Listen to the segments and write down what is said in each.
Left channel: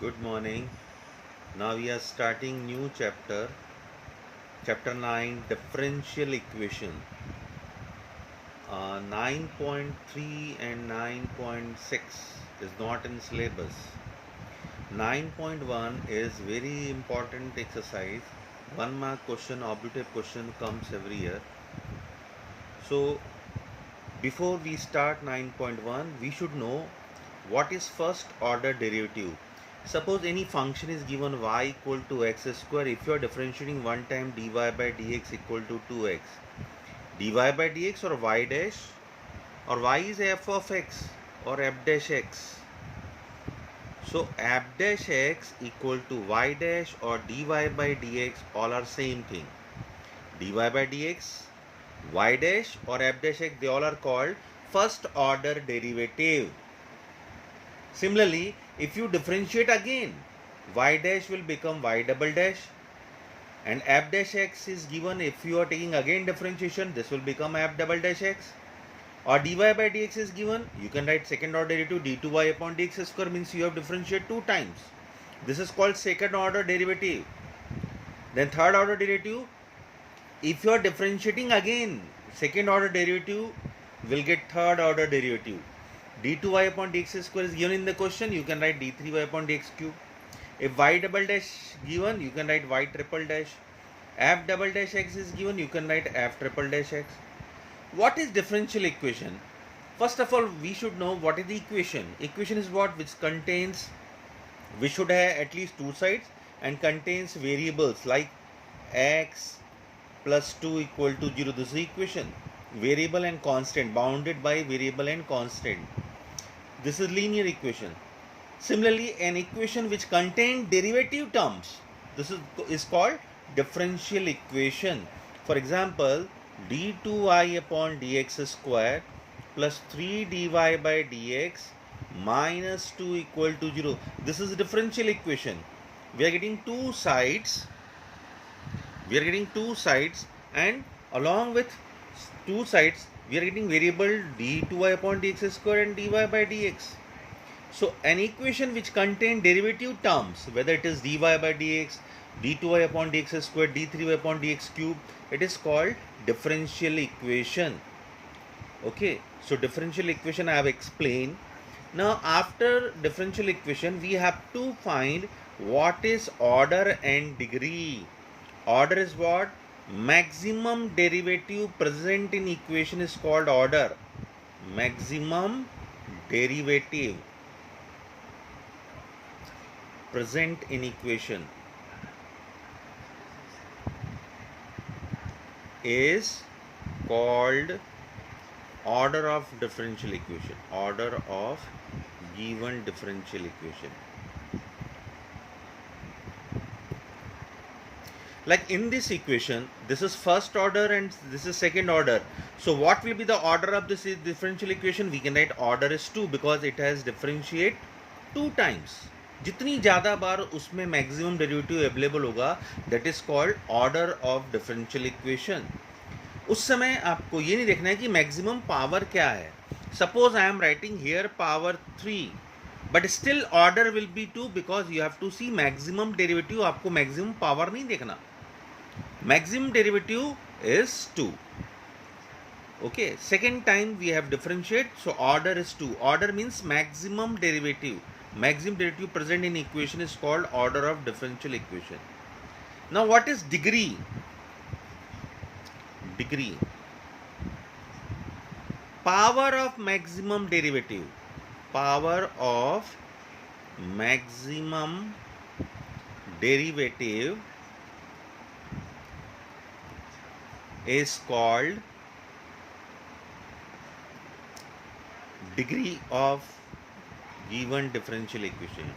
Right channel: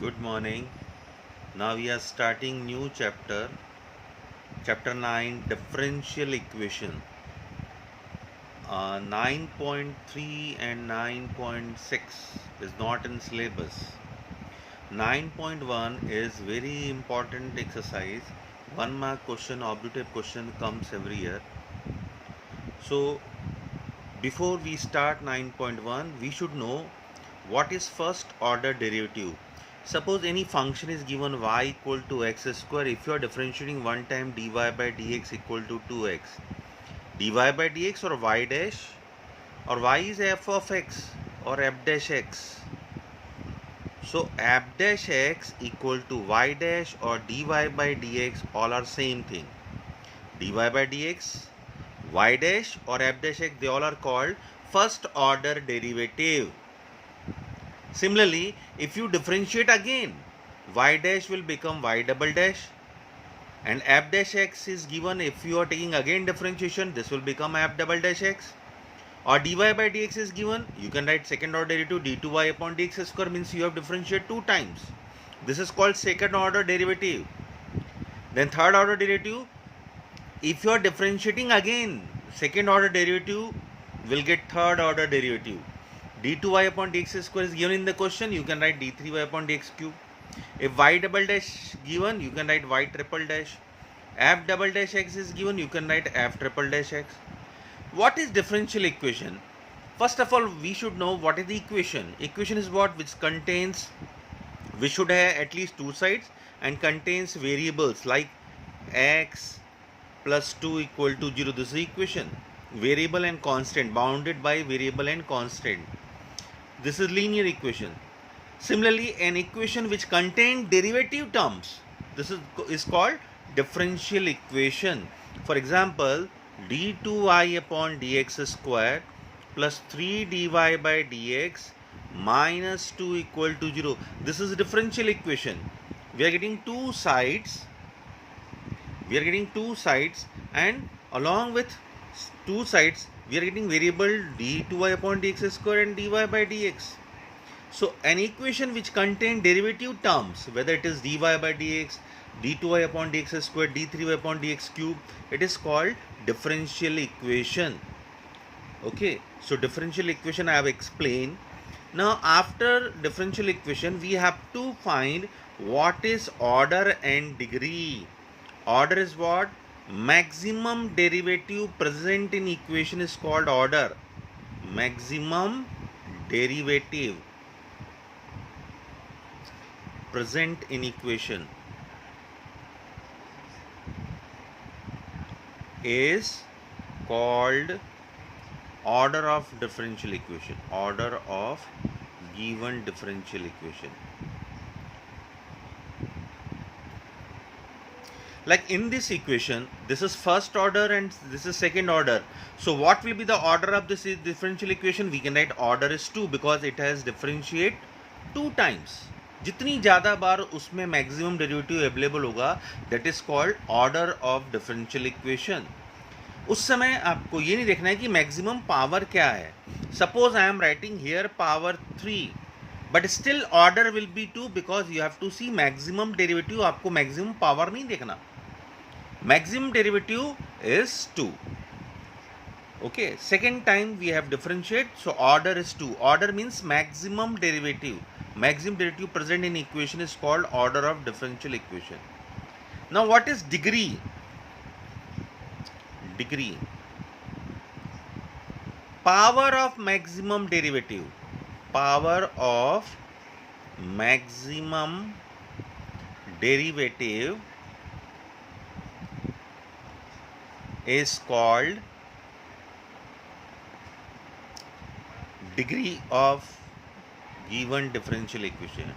Good morning. Now we are starting new chapter 9, differential equation. 9.3 and 9.6 is not in syllabus. 9.1 is very important exercise. 1 mark question, objective question comes every year. So before we start 9.1, we should know what is first order derivative. Suppose any function is given y equal to x square. If you are differentiating one time dy by dx equal to 2x, dy by dx or y dash, or y is f of x or f dash x. So f dash x equal to y dash or dy by dx, all are same thing. Dy by dx, y dash or f dash x, they all are called first order derivative. Similarly, if you differentiate again, y dash will become y double dash, and f dash x is given. If you are taking again differentiation, this will become f double dash x. Or dy by dx is given, you can write second order derivative d2y upon dx square, means you have differentiated 2 times. This is called second order derivative. Then third order derivative, if you are differentiating again, second order derivative will get third order derivative. d2y upon dx square is given in the question, you can write d3y upon dx cube. If y double dash given, you can write y triple dash. F double dash x is given, you can write f triple dash x. What is differential equation? First of all, we should know what is the equation. Equation is what? Which contains, we should have at least two sides and contains variables like x plus 2 equal to 0. This is the equation. Variable and constant, bounded by variable and constant. This is linear equation. Similarly, an equation which contains derivative terms, this is called differential equation. For example, d2y upon dx square plus 3 dy by dx minus 2 equal to 0. This is a differential equation. We are getting two sides. And along with two sides, we are getting variable d2y upon dx square and dy by dx. So an equation which contains derivative terms, whether it is dy by dx, d2y upon dx square, d3y upon dx cube, it is called differential equation. Okay, so differential equation I have explained. Now after differential equation, we have to find what is order and degree. Order is what? Maximum derivative present in equation is called order. Maximum derivative present in equation is called order of differential equation. Order of given differential equation. Like in this equation, this is first order and this is second order. So what will be the order of this differential equation? We can write order is 2 because it has differentiate 2 times. जितनी ज़्यादा बार उसमें maximum derivative available होगा, that is called order of differential equation. उस समय आपको ये नहीं देखना है कि मैक्सिमम पावर क्या है. Suppose I am writing here power 3, but still order will be 2 because you have to see maximum derivative. आपको मैक्सिमम पावर नहीं देखना. Maximum derivative is 2. Okay, second time we have differentiate, so order is 2. Order means maximum derivative. Maximum derivative present in equation is called order of differential equation. Now what is degree? Degree. Power of maximum derivative. Power of maximum derivative is called degree of given differential equation.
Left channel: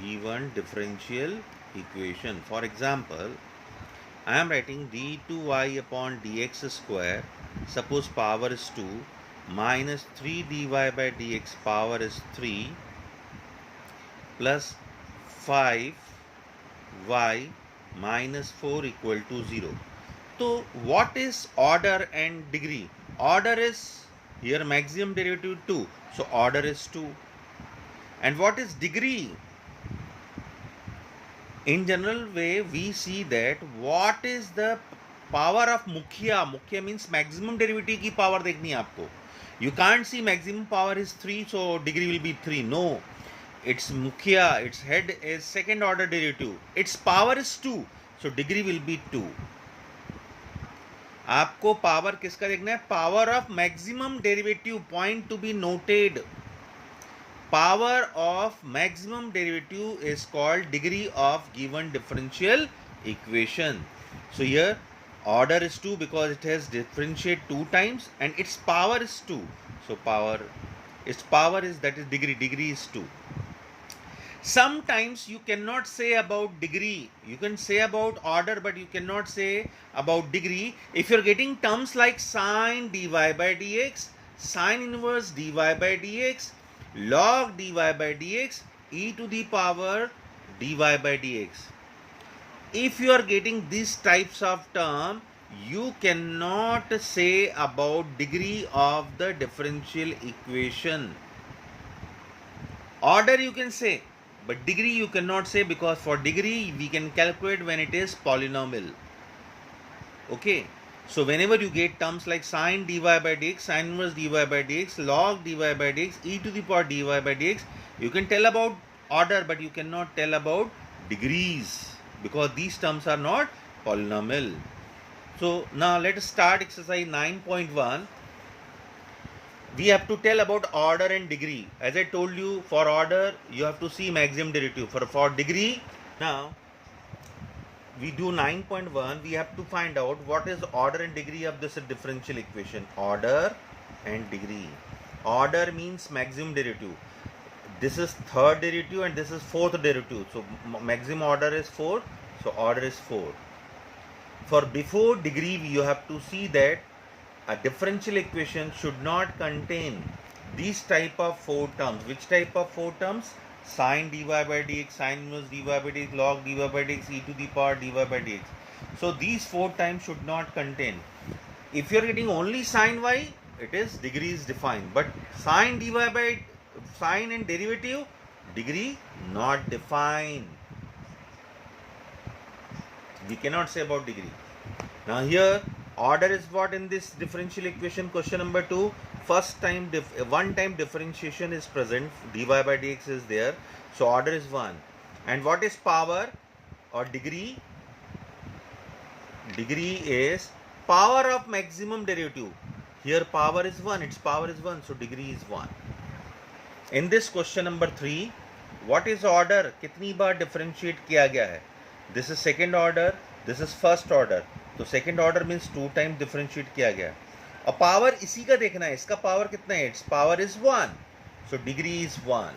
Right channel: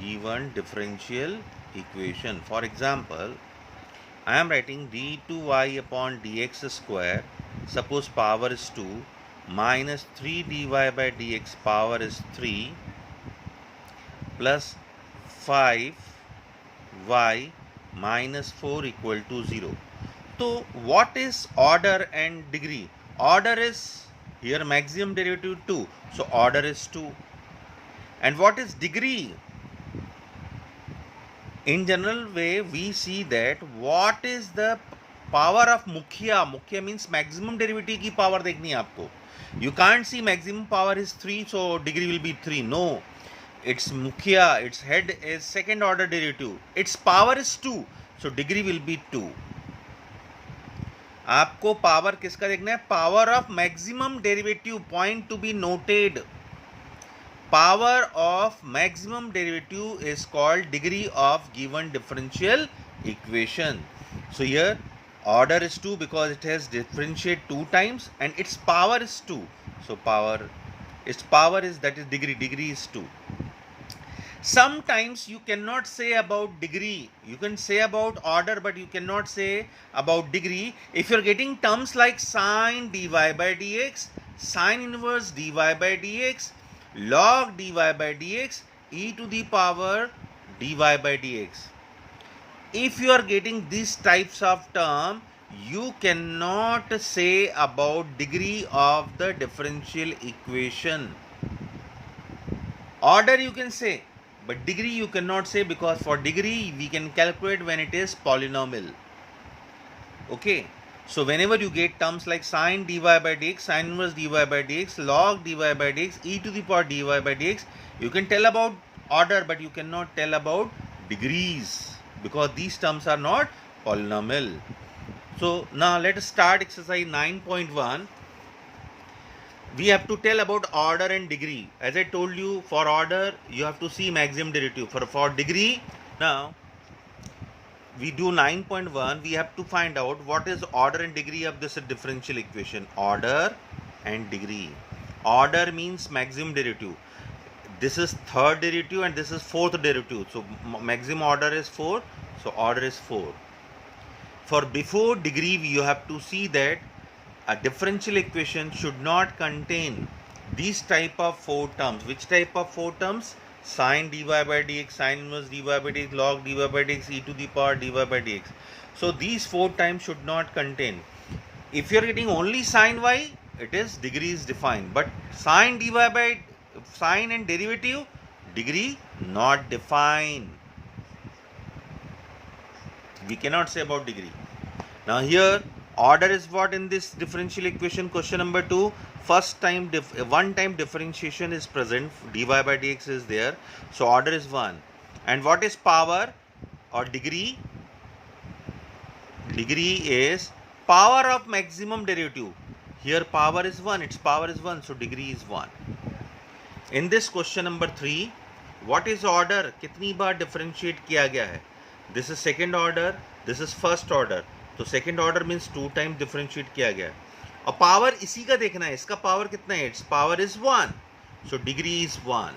Given differential equation. For example, I am writing d2y upon dx square. Suppose power is 2 minus 3 dy by dx power is 3 plus 5y minus 4 equal to 0. So what is order and degree? Order is here maximum derivative 2, so order is 2. And what is degree? In general way, we see that what is the power of mukhya. Mukhya means maximum derivative की power देखनी है आपको. You can't see maximum power is 3, so degree will be 3. No, its mukhya, its head is second order derivative. Its power is 2, so degree will be 2. आपको power किसका देखना है? Power of maximum derivative. Point to be noted. Power of maximum derivative is called degree of given differential equation. So here order is 2 because it has differentiate 2 times and its power is 2. So its power is, that is degree. Degree is 2. Sometimes you cannot say about degree. You can say about order, but you cannot say about degree. If you are getting terms like sine dy by dx, sine inverse dy by dx, log dy by dx, e to the power dy by dx. If you are getting these types of term, you cannot say about degree of the differential equation. Order you can say, but degree you cannot say, because for degree we can calculate when it is polynomial. Okay. So whenever you get terms like sine dy by dx, sine inverse dy by dx, log dy by dx, e to the power dy by dx, you can tell about order, but you cannot tell about degrees, because these terms are not polynomial. So now let us start exercise 9.1. We have to tell about order and degree. As I told you, for order you have to see maximum derivative. For degree, now we do 9.1, we have to find out what is order and degree of this differential equation. Order and degree. Order means maximum derivative. This is third derivative and this is fourth derivative. So maximum order is 4. So order is 4. For before degree, you have to see that a differential equation should not contain these type of 4 terms. Which type of 4 terms? Sine dy by dx, sine inverse dy by dx, log dy by dx, e to the power dy by dx. So these 4 times should not contain. If you are getting only sine y, it is degree is defined. But sine dy by sine and derivative, degree not defined. We cannot say about degree. Now here order is what in this differential equation? Question number 2. First time one time differentiation is present, dy by dx is there, so order is 1. And what is power or degree? Degree is power of maximum derivative. Here power is 1, its power is 1, so degree is 1. In this question number 3, what is order? कितनी बार differentiate किया गया है? This is second order, this is first order. तो second order means 2 times differentiate किया गया है. और power इसी का देखना है, इसका पावर कितना है? It's power is 1, so degree is 1.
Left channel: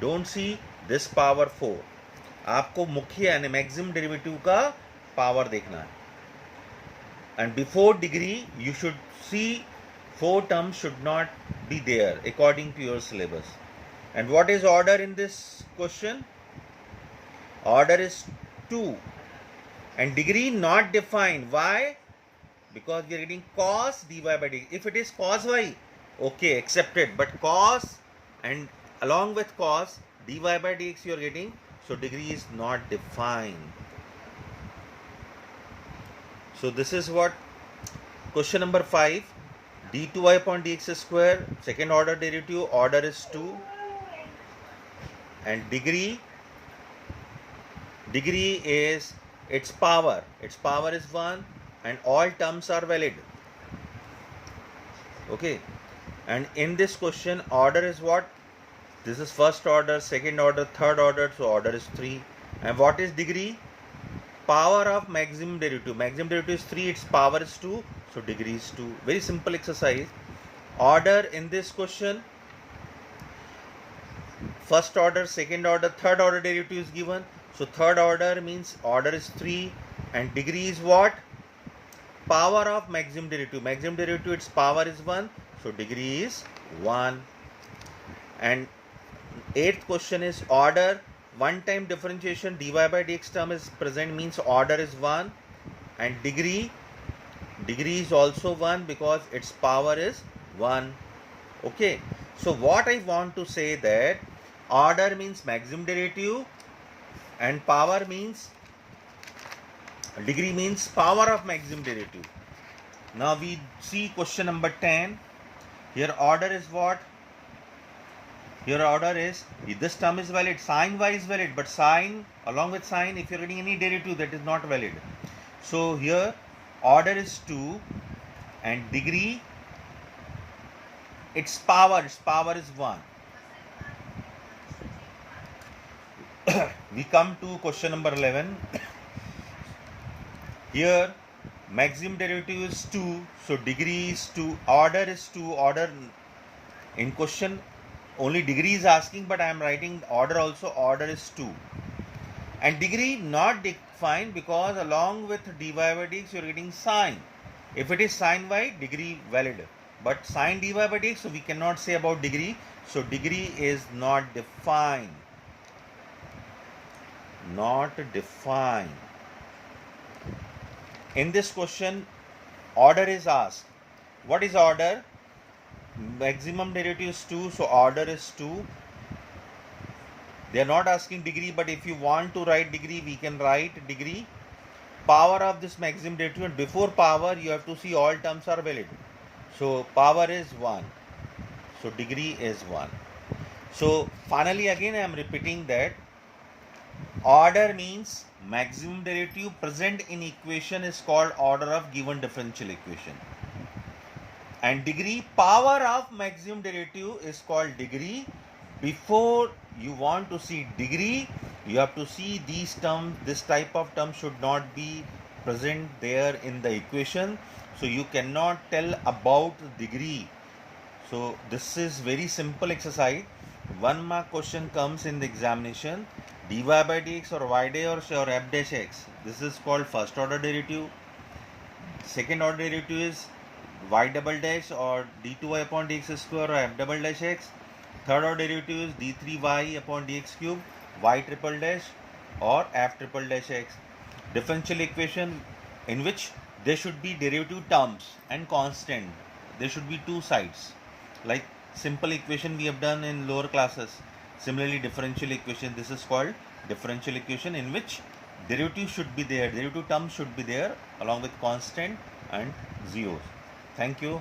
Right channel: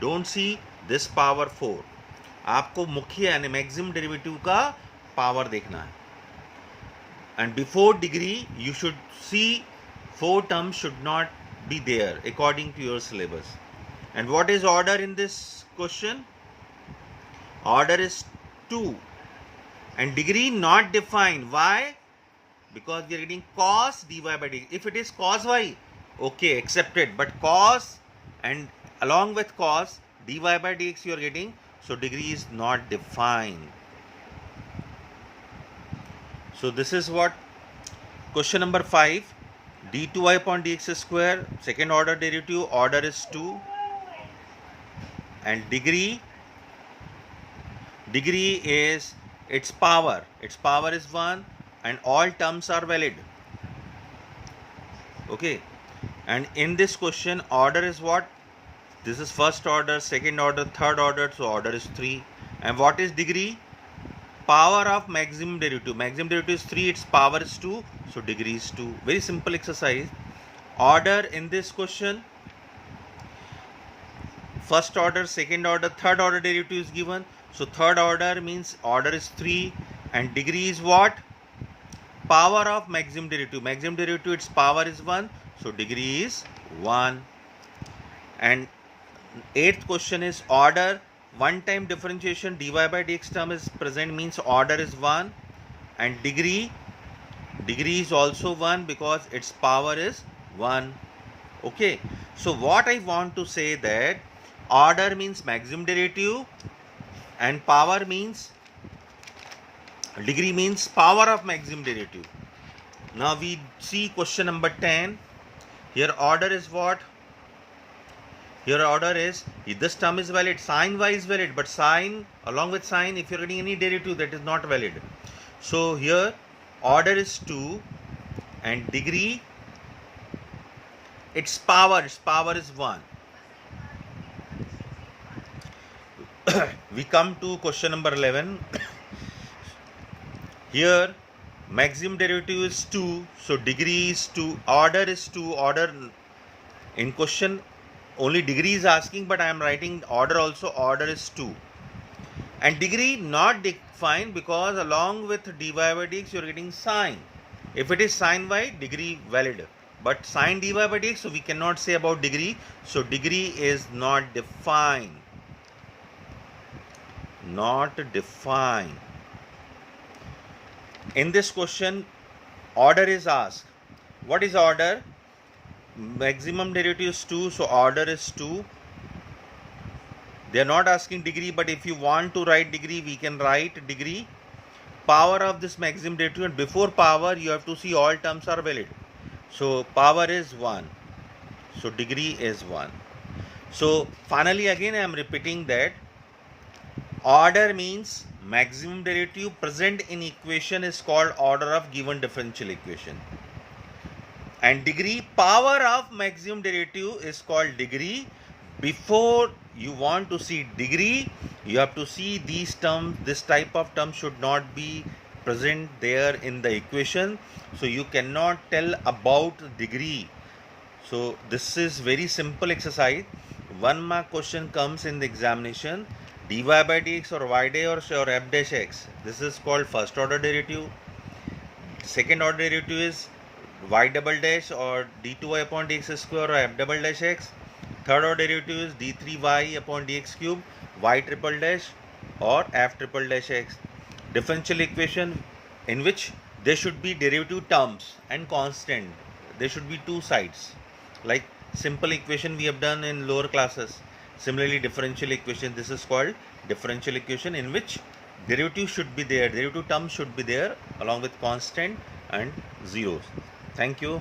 Don't see this power 4. आपको मुख्य यानी मैक्सिमम डेरिवेटिव का पावर देखना है. And before degree you should see 4 terms should not be there according to your syllabus. And what is order in this question? Order is 2 and degree not defined. Why? Because we are getting cos dy by dx. If it is cos y, okay, accepted. But cos and along with cos dy by dx you are getting, so degree is not defined. So this is what question number 5. d2y upon dx square, second order derivative, order is 2. And degree is its power is 1 and all terms are valid. Okay, and in this question order is what? This is first order, second order, third order, so order is 3. And what is degree? Power of maximum derivative. Maximum derivative is 3, its power is 2, so degree is 2. Very simple exercise. Order in this question, first order, second order, third order derivative is given. So third order means order is 3 and degree is what? Power of maximum derivative. Maximum derivative, its power is 1, so degree is 1. And 8th question is order. One time differentiation dy by dx term is present means order is 1. And degree is also 1 because its power is 1. Okay, so what I want to say that order means maximum derivative and power means degree means power of maximum derivative. Now we see question number 10. Here order is what? Here order is, this term is valid, sin y is valid, but sin, along with sin, if you're getting any derivative, that is not valid. So here order is 2 and degree, its power is 1. We come to question number 11. Here maximum derivative is 2, so degree is 2, order is 2, order in question only degree is asking, but I am writing order also, order is 2. And degree not defined because along with dy by dx you are getting sine. If it is sine y, degree valid. But sine dy by dx, so we cannot say about degree. So degree is not defined. Not defined. In this question, order is asked. What is order? Maximum derivative is 2, so order is 2. They are not asking degree, but if you want to write degree, we can write degree. Power of this maximum derivative, and before power, you have to see all terms are valid. So power is 1. So degree is 1. So finally, again, I am repeating that order means maximum derivative present in equation is called order of given differential equation. And degree, power of maximum derivative is called degree. Before you want to see degree, you have to see these terms. This type of term should not be present there in the equation. So you cannot tell about degree. So this is very simple exercise. 1 mark question comes in the examination. Dy by dx or y dash or f dash x. This is called first order derivative. Second order derivative is y double dash or d2y upon dx square or f double dash x. Third order derivative is d3y upon dx cube, y triple dash or f triple dash x. Differential equation in which there should be derivative terms and constant. There should be two sides. Like simple equation we have done in lower classes. Similarly, differential equation, this is called differential equation in which derivative should be there. Derivative terms should be there along with constant and zeros. Thank you.